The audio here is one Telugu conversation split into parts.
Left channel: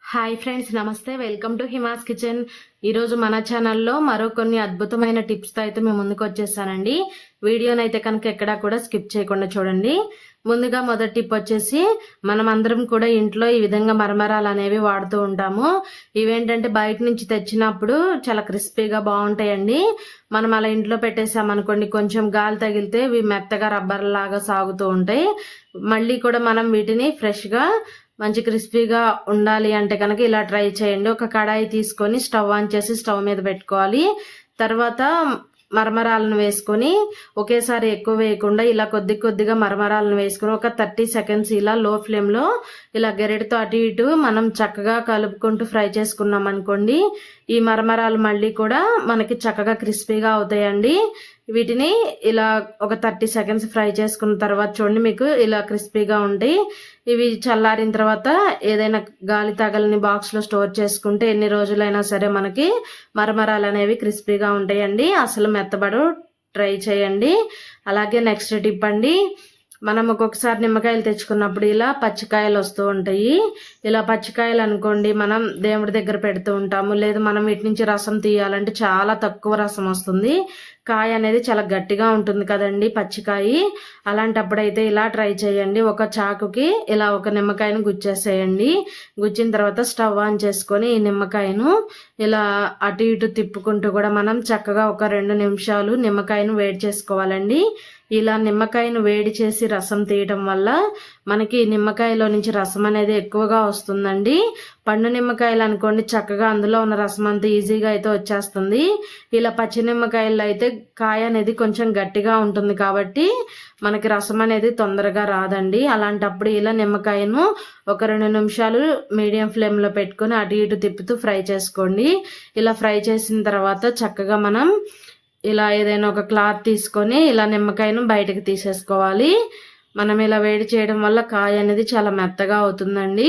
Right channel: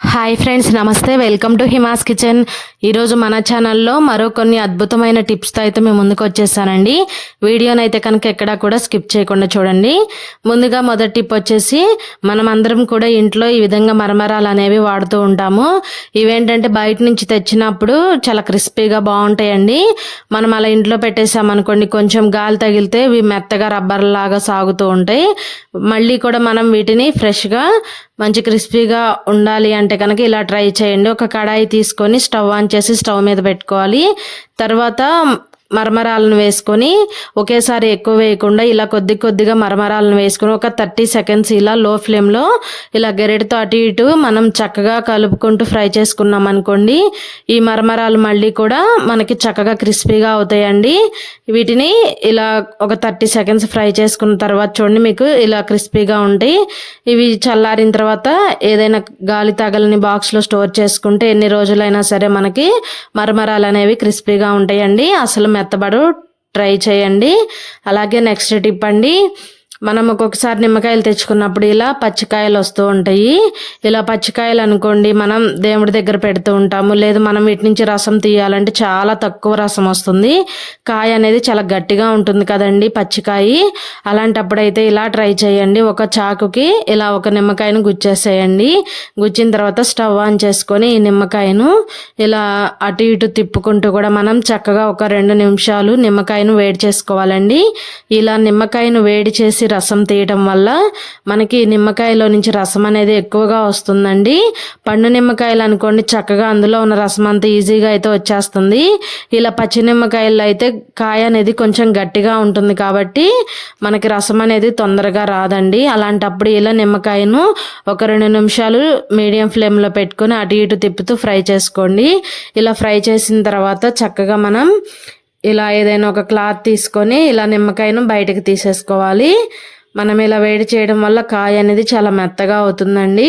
హాయ్ ఫ్రెండ్స్ నమస్తే. వెల్కమ్ టు హిమాస్ కిచెన్ ఈరోజు మన ఛానల్లో మరో కొన్ని అద్భుతమైన టిప్స్తో అయితే మేము ముందుకు వచ్చేసానండి. వీడియోనైతే అయితే కనుక ఎక్కడా కూడా స్కిప్ చేయకుండా చూడండి. ముందుగా మొదటి టిప్ వచ్చేసి మనం అందరం కూడా ఇంట్లో ఈ విధంగా మరమరాలు అనేవి వాడుతూ ఉంటాము. ఇవేంటంటే బయట నుంచి తెచ్చినప్పుడు చాలా క్రిస్పీగా బాగుంటాయండి. మనం అలా ఇంట్లో పెట్టేసామనుకోండి కొంచెం గాలి తగిలితే ఇవి మెత్తగా రబ్బర్లాగా సాగుతూ ఉంటాయి. మళ్ళీ కూడా మనం వీటిని ఫ్రెష్గా మంచి క్రిస్పీగా ఉండాలి అంటే కనుక ఇలా ట్రై చేయండి. ఒక కడాయి తీసుకొని స్టవ్ ఆన్ చేసి స్టవ్ మీద పెట్టుకోవాలి. తర్వాత మరమరాలను వేసుకొని ఒకేసారి ఎక్కువ వేయకుండా ఇలా కొద్ది కొద్దిగా మరమరాలను వేసుకొని ఒక థర్టీ సెకండ్స్ ఇలా లో ఫ్లేమ్లో ఇలా గెరెటితో అటు ఇటు మనం చక్కగా కలుపుకుంటూ ఫ్రై చేసుకున్నాం అనుకోండి ఈ మరమరాలు మళ్ళీ కూడా మనకి చక్కగా క్రిస్పీగా అవుతాయండి. వీటిని ఇలా ఒక థర్టీ సెకండ్స్ ఫ్రై చేసుకున్న తర్వాత చూడండి మీకు ఇలా క్రిస్పీగా ఉంటాయి. ఇవి చల్లారిన తర్వాత ఏదైనా గాలి తగలని బాక్స్లో స్టోర్ చేసుకుంటే ఎన్ని రోజులైనా సరే మనకి మరమరాలు అనేవి క్రిస్పీగా ఉంటాయండి. అసలు మెత్తబడు ట్రై చేయండి. అలాగే నెక్స్ట్ టిప్ అండి. మనం ఒక్కొక్కసారి నిమ్మకాయలు తెచ్చుకున్నప్పుడు ఇలా పచ్చికాయలు వస్తూ ఉంటాయి. ఇలా పచ్చికాయలు అనుకోండి మనం దేవుడి దగ్గర పెడుతూ ఉంటాము. లేదు మనం వీటి నుంచి రసం తీయాలంటే చాలా తక్కువ రసం వస్తుంది. కాయ అనేది చాలా గట్టిగా ఉంటుంది కదండి పచ్చికాయ. అలాంటప్పుడు అయితే ఇలా ట్రై చేయండి. ఒక చాకుకి ఇలా ఒక నిమ్మకాయను గుచ్చేసేయండి. గుచ్చిన తర్వాత స్టవ్ ఆన్ చేసుకొని ఈ నిమ్మకాయను ఇలా అటు ఇటు తిప్పుకుంటూ కూడా మనం చక్కగా ఒక రెండు నిమిషాలు నిమ్మకాయను వేడి చేసుకోవాలండి. ఇలా నిమ్మకాయను వేడి చేసి రసం తీయటం వల్ల మనకి నిమ్మకాయలో నుంచి రసం అనేది ఎక్కువగా వస్తుందండి. పండు నిమ్మకాయలు అనుకోండి చక్కగా అందులో ఉన్న రసం అంతా ఈజీగా అయితే వచ్చేస్తుంది. ఇలా పచ్చి నిమ్మకాయలు అయితే కాయ అనేది కొంచెం గట్టిగా ఉంటుంది కాబట్టి మనకి రసం అనేది తొందరగా రాదండి. అలాంటప్పుడు ఇలా నిమ్మకాయను ఒక రెండు నిమిషాలు మీడియం ఫ్లేమ్లో పెట్టుకొని అటు ఇటు తిప్పుతూ ఫ్రై చేసుకోండి. ఇలా ఫ్రై చేసిన తర్వాత చక్కగా మనం ఇలా ఏదైనా ఒక క్లాత్ తీసుకొని ఇలా నిమ్మకాయను బయటకు తీసేసుకోవాలి. మనం ఇలా వేడి చేయడం వల్ల కాయ అనేది చాలా మెత్తగా అవుతుందండి.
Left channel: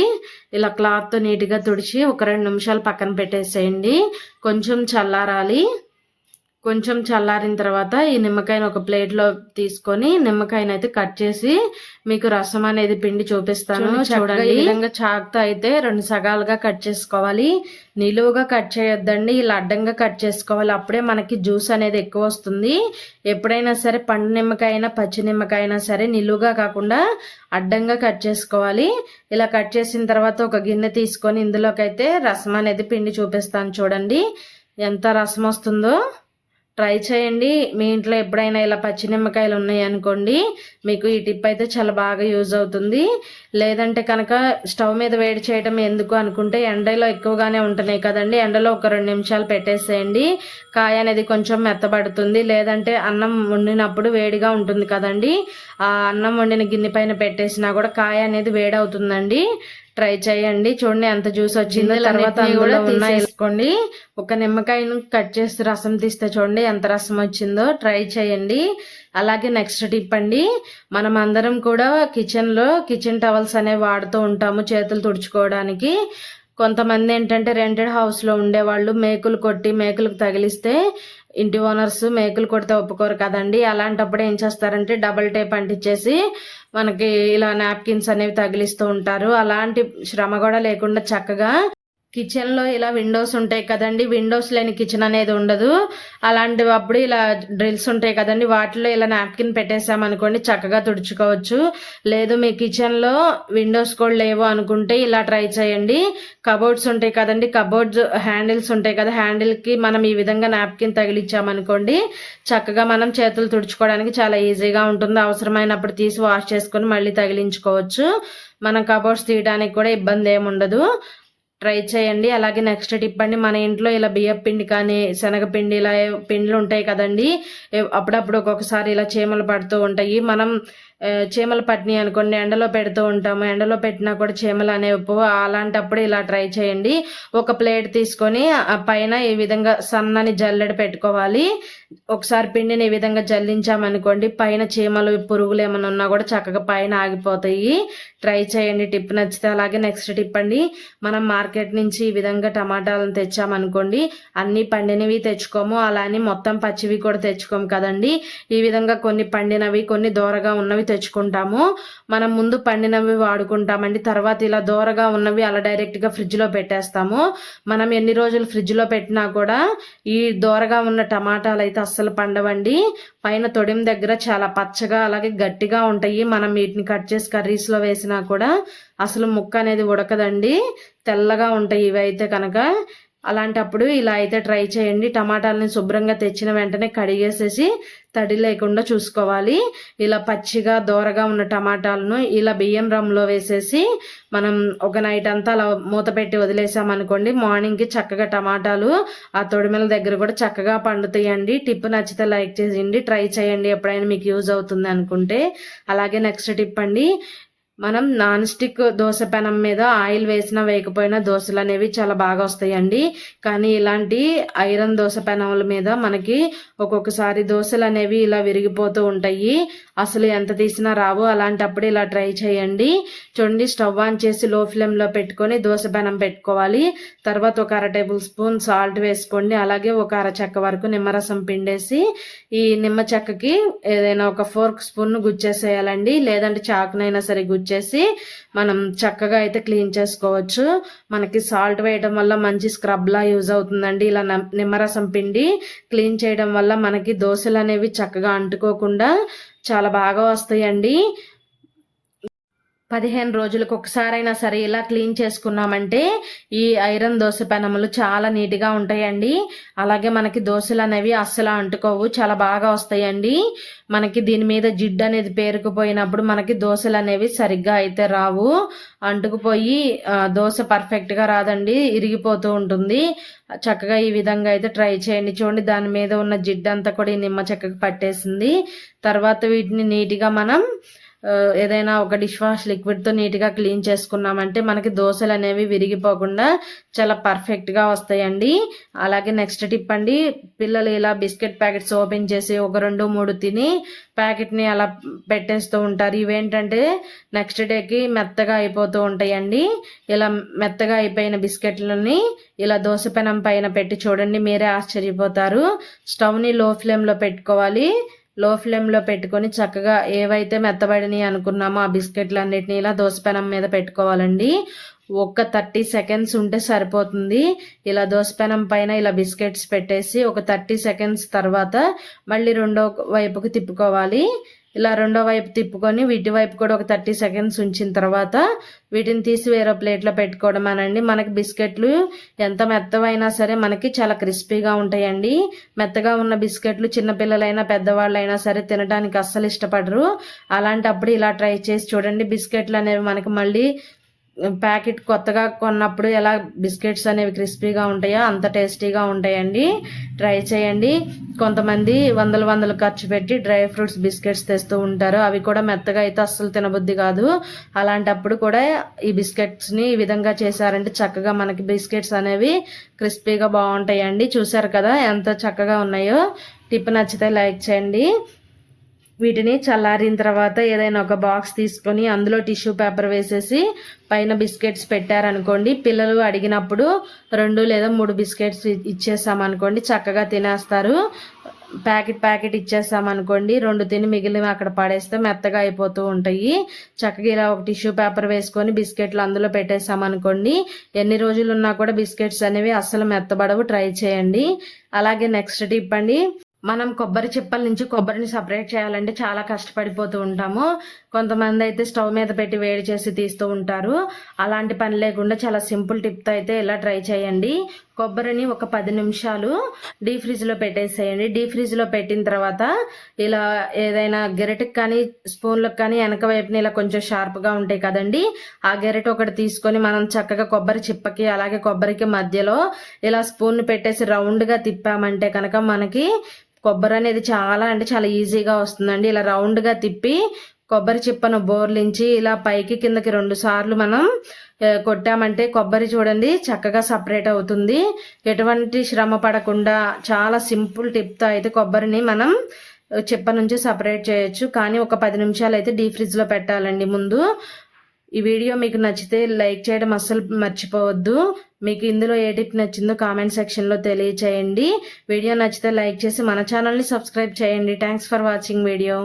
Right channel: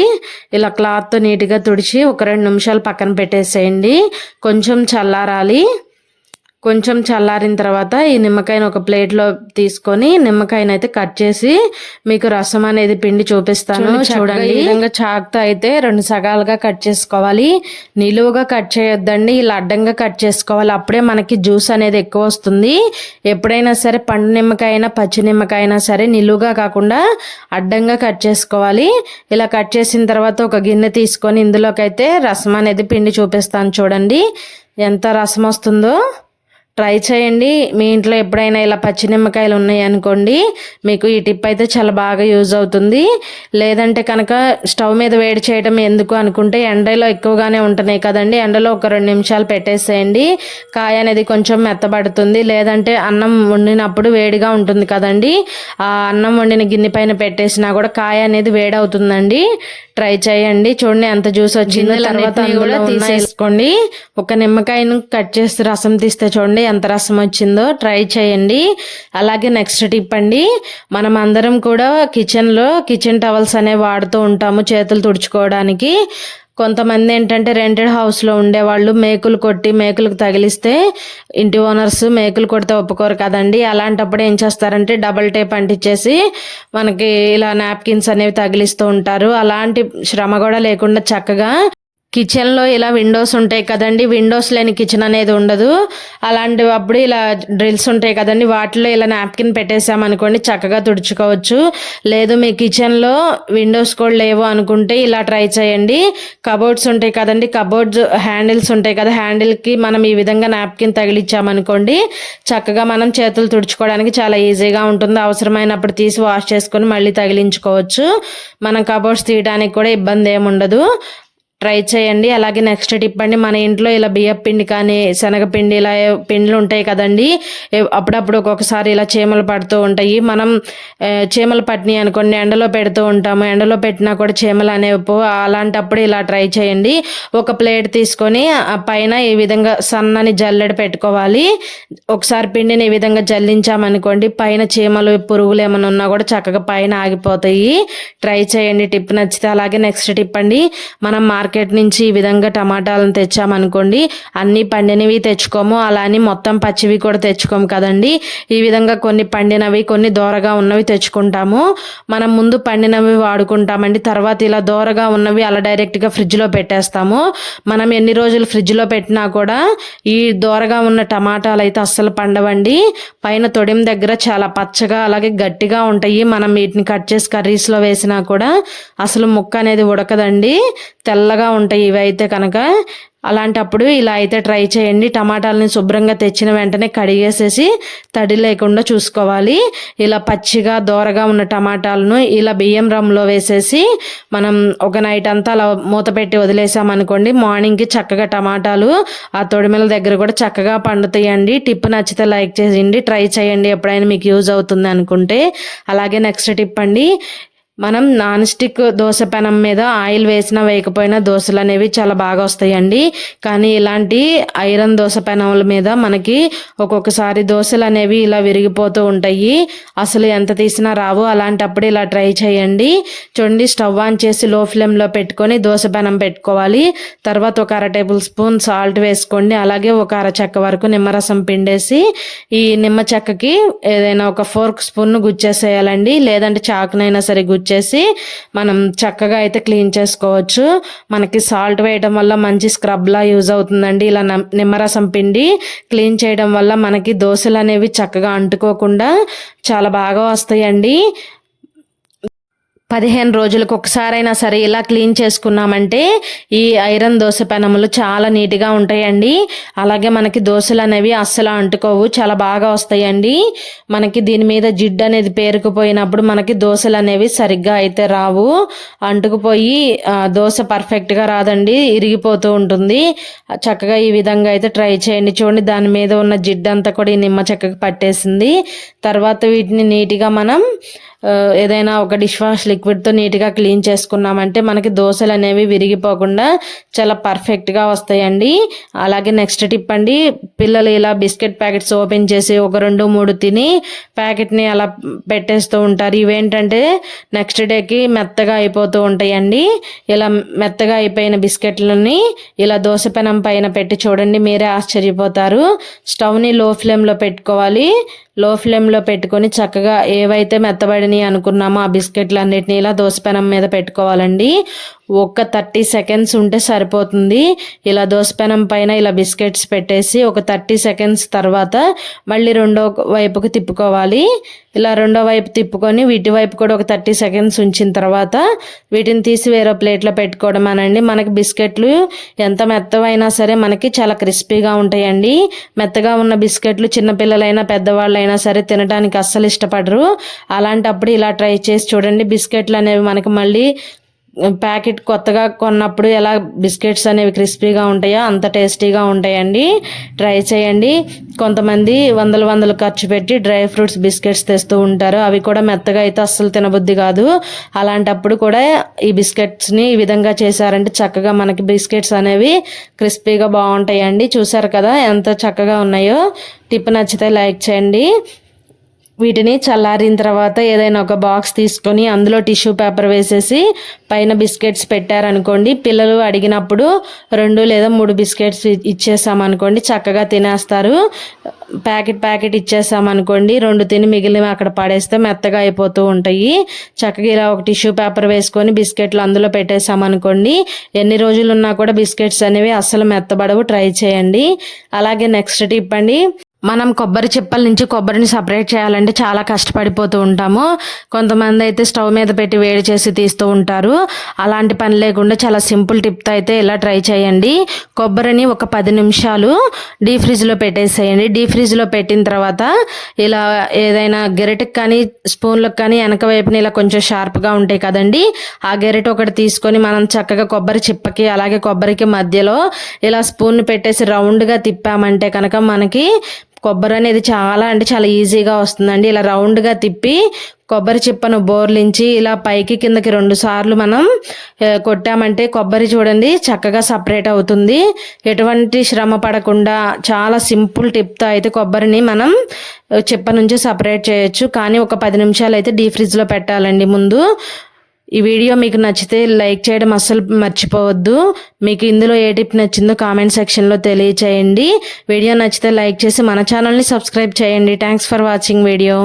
ఇలా క్లాత్తో నీట్గా తుడిచి ఒక రెండు నిమిషాలు పక్కన పెట్టేసేయండి. కొంచెం చల్లారాలి. కొంచెం చల్లారిన తర్వాత ఈ నిమ్మకాయను ఒక ప్లేట్లో తీసుకొని నిమ్మకాయను అయితే కట్ చేసి మీకు రసం అనేది పిండి చూపిస్తాను. చూడండి ఈ విధంగా చాక్తో అయితే రెండు సగాలుగా కట్ చేసుకోవాలి. నిలువుగా కట్ చేయొద్దండి. ఇలా అడ్డంగా కట్ చేసుకోవాలి. అప్పుడే మనకి జ్యూస్ అనేది ఎక్కువ వస్తుంది. ఎప్పుడైనా సరే పండు నిమ్మకాయ అయినా పచ్చి నిమ్మకాయ అయినా సరే నిలువుగా కాకుండా అడ్డంగా కట్ చేసుకోవాలి. ఇలా కట్ చేసిన తర్వాత ఒక గిన్నె తీసుకొని ఇందులోకి అయితే రసం అనేది పిండి చూపిస్తాను చూడండి. ఎంత రసం వస్తుందో. ట్రై చేయండి. మీ ఇంట్లో ఎప్పుడైనా ఇలా పచ్చి నిమ్మకాయలు ఉన్నాయి అనుకోండి మీకు ఈ టిప్ అయితే చాలా బాగా యూజ్ అవుతుంది. లేదంటే కనుక స్టవ్ మీద వేడి చేయడం ఎందుకు అనుకుంటే ఎండలో ఎక్కువగానే ఉంటున్నాయి కదండి. ఎండలో ఒక రెండు నిమిషాలు పెట్టేసేయండి. కాయ అనేది కొంచెం మెత్తబడుతుంది. లేదంటే అన్నం వండినప్పుడు వేడిగా ఉంటుంది కదండి. ఆ అన్నం వండిన గిన్నె పైన పెట్టేసినా కూడా కాయ అనేది వేడవుతుందండి. ట్రై చేయండి. చూడండి ఎంత జ్యూస్ వచ్చిందో. తర్వాత కూడా తీసేసుకోండి ఒక నిమ్మకాయను కట్ చేసి రసం తీస్తే చూడండి ఎంత రసం వచ్చిందో. ట్రై చేయండి. అలాగే నెక్స్ట్ టిప్ అండి. మనం అందరం కూడా కిచెన్లో కిచెన్ టవల్స్ అనేవి వాడుతూ ఉంటాము చేతులు తుడుచుకోవడానికి. కొంతమంది ఏంటంటే రెంటెడ్ హౌస్లో ఉండేవాళ్ళు మేకులు కొట్టి మేకులకు తగిలిస్తే ఇంటి ఓనర్స్ మేకులు కొడితే ఒప్పుకోరు కదండి. అలాంటప్పుడు ఏం చేస్తారంటే డబల్ టేప్ అంటించేసి మనకి ఇలా నాప్కిన్స్ అనేవి తగిలిస్తూ ఉంటారు. అలాంటి శ్రమ కూడా లేకుండా చక్కగా కిచెన్లో ఇలా విండోస్ ఉంటాయి కదండి విండోస్ లేని కిచెన్ అనేది ఉండదు. అలాంటి అప్పుడు ఇలా డ్రిల్స్ ఉంటాయి కదండి వాటిలో ఇలా నాప్కిన్ పెట్టేసామనుకోండి చక్కగా తుడుచుకోవచ్చు. లేదు మీ కిచెన్లో విండోస్ కూడా లేవు అనుకుంటే ఇలా ట్రై చేయండి. కబోర్డ్స్ ఉంటాయి కదండి కబోర్డ్స్ హ్యాండిల్స్ ఉంటాయి కదా హ్యాండిల్కి మనం ఈ విధంగా నాప్కిన్ తగిలిచ్చామనుకోండి చక్కగా మనం చేతులు తుడుచుకోవడానికి చాలా ఈజీగా ఉంటుంది. అవసరమైనప్పుడు తీసి వాష్ చేసుకొని మళ్ళీ తగిలించుకోవచ్చు. మనం కబోర్డ్స్ తీయడానికి కూడా ఇబ్బంది ఏమి ఉండదు ట్రై చేయండి. అలాగే నెక్స్ట్ టిప్ అండి మన ఇంట్లో ఇలా బియ్యపిండి కానీ శనగపిండి ఇలా పిండిలు ఉంటాయి కదండి అప్పుడప్పుడు ఒక్కొక్కసారి ఇలా చీమలు పడుతూ ఉంటాయి. మనం చీమలు పట్టినాయి అనుకోండి ఎండలో పెడుతూ ఉంటాము. ఎండలో పెట్టినా కూడా చీమలు అనేవి పో అలాంటప్పుడు ఇలా ట్రై చేయండి. ఒక ప్లేట్ తీసుకొని ఆ పైన ఈ విధంగా సన్నని జల్లెడ పెట్టుకోవాలి. ఒకసారి పిండిని ఈ విధంగా జల్లించామనుకోండి పైన చీమలు పురుగులు ఏమైనా ఉన్నా కూడా చక్కగా పైన ఆగిపోతాయి. ట్రై చేయండి టిప్ నచ్చితే. అలాగే నెక్స్ట్ టిప్ అండి మనం మార్కెట్ మార్కెట్ నుంచి ఈ విధంగా టమాటాలను తెచ్చామనుకోండి అన్ని పండినవి తెచ్చుకోము అలా అని మొత్తం పచ్చివి కూడా తెచ్చుకోము కదండి. ఈ విధంగా కొన్ని పండినవి కొన్ని దోరగా ఉన్నవి తెచ్చుకుంటాము. మనం ముందు పండినవి వాడుకుంటామండి తర్వాత ఇలా దోరగా ఉన్నవి అలా డైరెక్ట్గా ఫ్రిడ్జ్లో పెట్టేస్తాము. మనం ఎన్ని రోజులు ఫ్రిడ్జ్లో పెట్టినా కూడా ఈ దోరగా ఉన్న టమాటాలు అయితే అస్సలు పండవండి. పైన తొడిం దగ్గర చాలా పచ్చగా అలాగే గట్టిగా ఉంటాయి. మనం వీటిని కట్ చేసి కర్రీస్లో వేసినా కూడా అసలు ముక్క అనేది ఉడకదండి. తెల్లగా ఉంటాయి ఇవి అయితే కనుక. అలాంటప్పుడు ఇలా అయితే ట్రై చేయండి. టమాటాలని శుభ్రంగా తెచ్చిన వెంటనే కడిగేసేసి తడి లేకుండా చూసుకోవాలి. ఇలా పచ్చిగా దోరగా ఉన్న టమాటాలను ఇలా బియ్యం రమ్లో వేసేసి మనం ఒక నైట్ అంతా అలా మూత పెట్టి వదిలేసామనుకోండి మార్నింగ్కి చక్కగా టమాటాలు ఆ తొడిమెల దగ్గర కూడా చక్కగా పండుతాయండి. టిప్ నచ్చితే లైక్ చేయండి ట్రై చేయండి ఎప్పుడైనా మీకు యూజ్ అవుతుంది అనుకుంటే. అలాగే నెక్స్ట్ టిప్ అండి మనం నాన్ స్టిక్ దోశ పెనం మీద ఆయిల్ వేసినా వేయకపోయినా దోశలు అనేవి చాలా బాగా వస్తాయండి. కానీ ఇలాంటి ఐరన్ దోశ పెనముల మీద మనకి ఒక్కొక్కసారి దోశలు అనేవి ఇలా విరిగిపోతూ ఉంటాయి. అసలు ఎంత తీసినా రావు. అలాంటప్పుడు ఇలా ట్రై చేయండి. చూడండి స్టవ్ ఆన్ చేసి లో ఫ్లేమ్లో పెట్టుకొని దోశ పెనం పెట్టుకోవాలి. తర్వాత ఒక అర టేబుల్ స్పూన్ సాల్ట్ వేసుకోండి. అలాగే ఒక అర చెక్క వరకు నిమ్మరసం పిండేసి ఈ నిమ్మ చెక్కకి ఏదైనా ఒక ఫోర్క్ స్పూన్ను గుచ్చేసేయాలండి. లేదంటే చాకునైనా సరే గుచ్చి వచ్చేసి మనం చక్కగా అయితే క్లీన్ చేసుకోవచ్చు. మనకి సాల్ట్ వేయడం వల్ల మంచి స్క్రబ్లా యూజ్ అవుతుందండి. ఇలా నిమ్మరసం పిండి క్లీన్ చేయడం వల్ల మనకి దోశలు అనేవి చక్కగా అంటుకోకుండా చాలా బాగా వస్తాయండి. పదిహేను రోజులకు ఒకసారైనా సరే ఇలా క్లీన్ చేసుకున్నామంటే ఈ ఐరన్ దోశ పెనములు చాలా నీట్గా ఉంటాయండి. అలాగే మనకి దోశలు అనేవి అస్సలు అంటుకోవు చాలా బాగా వస్తాయండి. మనకి దీని మీద జిడ్డు అనేది పేరుకుపోయినప్పుడు మనకి దోశలు అనేవి సరిగ్గా అయితే రావు. అంటుకుపోయి దోశ పర్ఫెక్ట్గా రాదండి ఇరిగిపోతూ ఉంటుంది. చక్కగా ఈ విధంగా అయితే ట్రై చేయండి. చూడండి దాని మీద ఉన్న జిడ్డు అంతా కూడా ఈ నిమ్మ చెక్కకి పట్టేసింది. తర్వాత వీటిని నీట్గా మనం ఏదైనా ఒక డిష్ వాష్ లిక్విడ్తో నీట్గా క్లీన్ చేసుకున్నామంటే మనకి దోశలు అనేవి విరిగిపోకుండా చాలా పర్ఫెక్ట్గా వస్తాయండి. అలాగే నెక్స్ట్ టిప్ అండి పిల్లలు ఇలా బిస్కెట్ ప్యాకెట్స్ ఓపెన్ చేసి ఒక రెండు మూడు తిని ప్యాకెట్ని అలా పెట్టేస్తూ ఉంటారు. ఇవేంటంటే నెక్స్ట్ డేకి మెత్తగా అయిపోతూ ఉంటాయండి. ఇలా మెత్తగా అయిపోయిన బిస్కెట్లని ఇలా దోశ పెనం పైన పెట్టి చూడండి మీరే ఆశ్చర్యపోతారు. స్టవ్ని లో ఫ్లేమ్లో పెట్టుకోవాలి. లో ఫ్లేమ్లో పెట్టుకొని చక్కగా ఏవైతే మెత్తబడిని అనుకున్నామో ఆ బిస్కెట్లు అన్నిటిని ఇలా దోసపెనం మీద పెట్టుకోవాలండి. ఒక థర్టీ సెకండ్స్ ఉంటే సరిపోతుంది. ఇలా దోసపెనం పైన ఇలా బిస్కెట్స్ పెట్టేసి ఒక థర్టీ సెకండ్స్ తర్వాత మళ్ళీ రెండో వైపుకి తిప్పుకోవాలి. ఇలా రెండో వైపు తిప్పుకొని వీటి వైపు కూడా ఒక థర్టీ సెకండ్స్ ఉంచిన తర్వాత వీటిని తీసి వేరే ప్లేట్లో పెట్టుకోవడం అనండి. మనకి బిస్కెట్లు ఎంత మెత్తవైనా సరే మనకి చాలా క్రిస్పీగా ఉంటాయండి. మెత్తగా ఉన్న బిస్కెట్లు చిన్నపిల్లలైనా పెద్దవాళ్ళైనా సరే తినడానికి అస్సలు ఇష్టపడరు. అలాంటప్పుడు ఇలా ట్రై చేసి చూడండి. బిస్కెట్లు అనేవి మనకి మళ్ళీ ప్యాకెట్ కొత్తగా కొన్నప్పుడు ఎలా బిస్కెట్స్ అనేవి క్రిస్పీగా ఉంటాయో అంత టేస్టీగా ఉంటాయండి. ట్రై చేయండి. కొంతమంది వందల వందలు ఖర్చు పెట్టి డ్రై ఫ్రూట్స్ బిస్కెట్స్ తెస్తూ ఉంటారు. అవి కూడా మెత్తగా అయితే అస్సలు తినబుద్ధి కాదు. అలాంటప్పుడు కూడా ఈ బిస్కెట్స్ని ఈ విధంగా చేశారంటే చక్కగా మనకి బిస్కెట్స్ అనేవి క్రిస్పీగా బాగుంటాయండి. చూసారు కదా ఎంత చక్కగా ఉన్నాయో. టిప్ నచ్చితే లైక్ చేయండి. వీటిని చల్లారిన తర్వాత ఏదైనా ఒక బాక్స్ తీసుకొని అందులో టిష్యూ పేపర్ వేసేసి పైన బిస్కెట్స్ పెట్టారనుకోండి. పిల్లలు అడిగినప్పుడు రెండు లేదా మూడు బిస్కెట్స్ ఇచ్చేసామనుకోండి చక్కగా తినేస్తారు. ప్యాకెట్ ప్యాకెట్ ఇచ్చేసామనుకోండి రెండు తిని మిగిలిన అక్కడ పడేస్తే మెత్తగా అయిపోతూ ఉంటాయి. చక్కగా ఇలా ఒక టిష్యూ పేపర్ వేసుకొని బిస్కెట్లు అందులో పెట్టేసామనుకోండి ఎన్ని రోజులు ఉన్నా కూడా బిస్కెట్స్ అనేవి అస్సలు మెత్తబడవు. ట్రై చేయండి. అలాగే నెక్స్ట్ టిప్ అండి. మనం కొబ్బరి చిప్పల నుంచి కొబ్బరిని సపరేట్ చేయాలంటే చాలా కష్టపడిపోతూ ఉంటాము. కొంతమంది అయితే స్టవ్ మీద పెట్టి వేడి చేసి తీస్తూ ఉంటారు. అలాంటి పని లేకుండా చాలా సింపుల్ టిప్తో అయితే ఇలా ట్రై చేయండి. కొబ్బరిని ఒక పది నిమిషాలు డీ ఫ్రిడ్జ్లో పెట్టేసేయండి. డీ ఫ్రిడ్జ్లో పెట్టిన తర్వాత ఇలా ఏదైనా గెరెట్కి కానీ స్పూన్లకు కానీ వెనక వైపున ఇలా కొంచెం షార్ప్గా ఉంటాయి కదండి ఆ గెరెట్ ఒకటి తీసుకొని మనం చక్కగా కొబ్బరి చిప్పకి అలాగే కొబ్బరికి మధ్యలో ఇలా స్పూన్ పెట్టేసి రౌండ్గా తిప్పామంటే కనుక మనకి కొబ్బరి అనేది చాలా అంటే చాలా ఈజీగా వస్తుందండి. ఇలా రౌండ్గా తిప్పి కొబ్బరి చిప్పను బోర్లించి ఇలా పైకి కిందకి రెండు సార్లు మనం కొట్టామంటే కొబ్బరి చూడండి చక్కగా సపరేట్ అవుతుంది. ఎటువంటి శ్రమ పడకుండా చాలా సింపుల్ టిప్తో అయితే కొబ్బరిని మనం చిప్ప నుంచి సపరేట్ చేయొచ్చు. కానీ ఒక పది నిమిషాలు అయితే డీ ఫ్రిడ్జ్లో పెట్టాలండి ముందు. ఈ వీడియో మీకు నచ్చితే లైక్ చేయడం అస్సలు మర్చిపోవద్దు. మీకు ఇందులో ఏ టిప్ నచ్చిందో కామెంట్ సెక్షన్లో తెలియచేయండి. వీడియో నచ్చితే లైక్ చేసి మన ఛానల్ని సబ్స్క్రైబ్ చేయండి. Thanks for watching video